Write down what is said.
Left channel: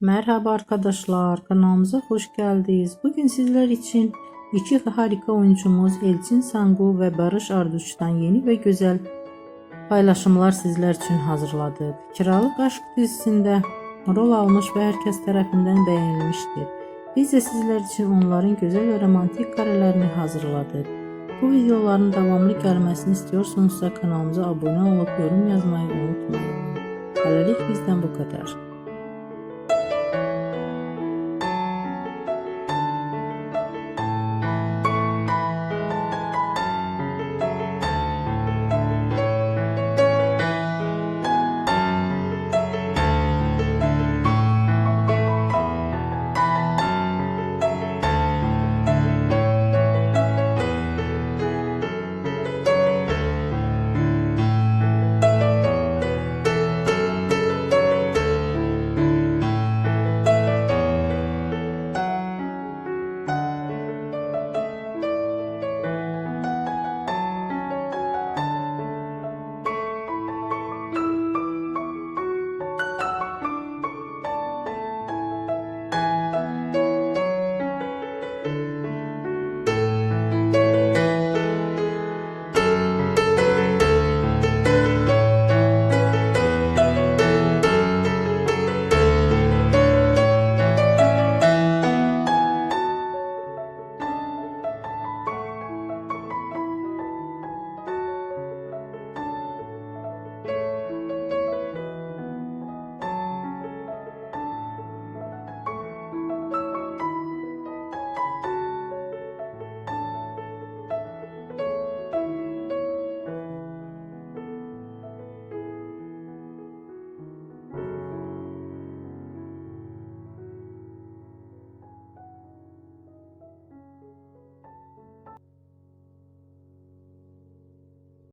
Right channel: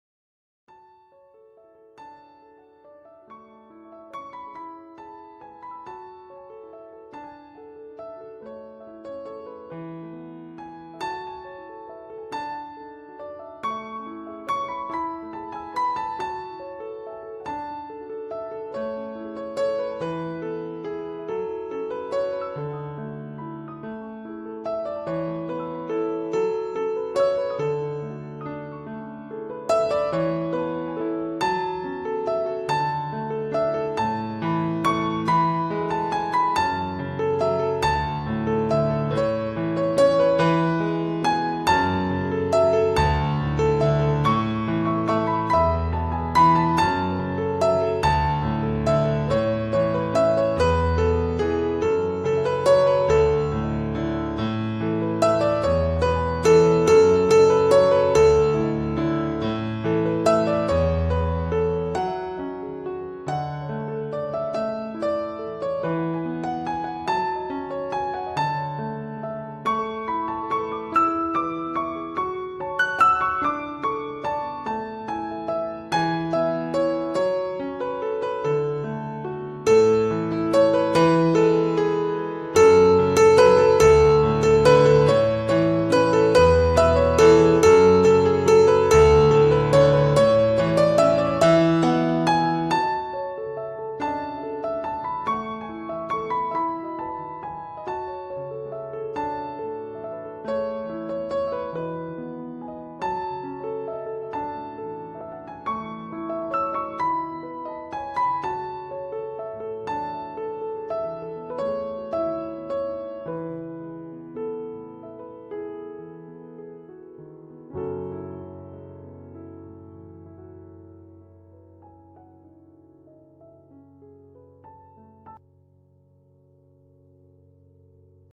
Merhaba arkadaşlar, kanalımıza hoş geldiniz. Bugün sizler için iki harika oyuncumuz Elçin Sangu ve Barış Arduç'tan yeni ve güzel paylaşımlar sizler için hazırladık. Kiralık Aşk dizisinde rol almış ve herkes tarafından beğenilmiştir. Biz de sizler için onların güzel ve romantik karelerini hazırladık. Bu videoların devamlı gelmesini istiyorsanız kanalımıza abone olup yorum yazmayı unutmayın. Hələlik bizdən bu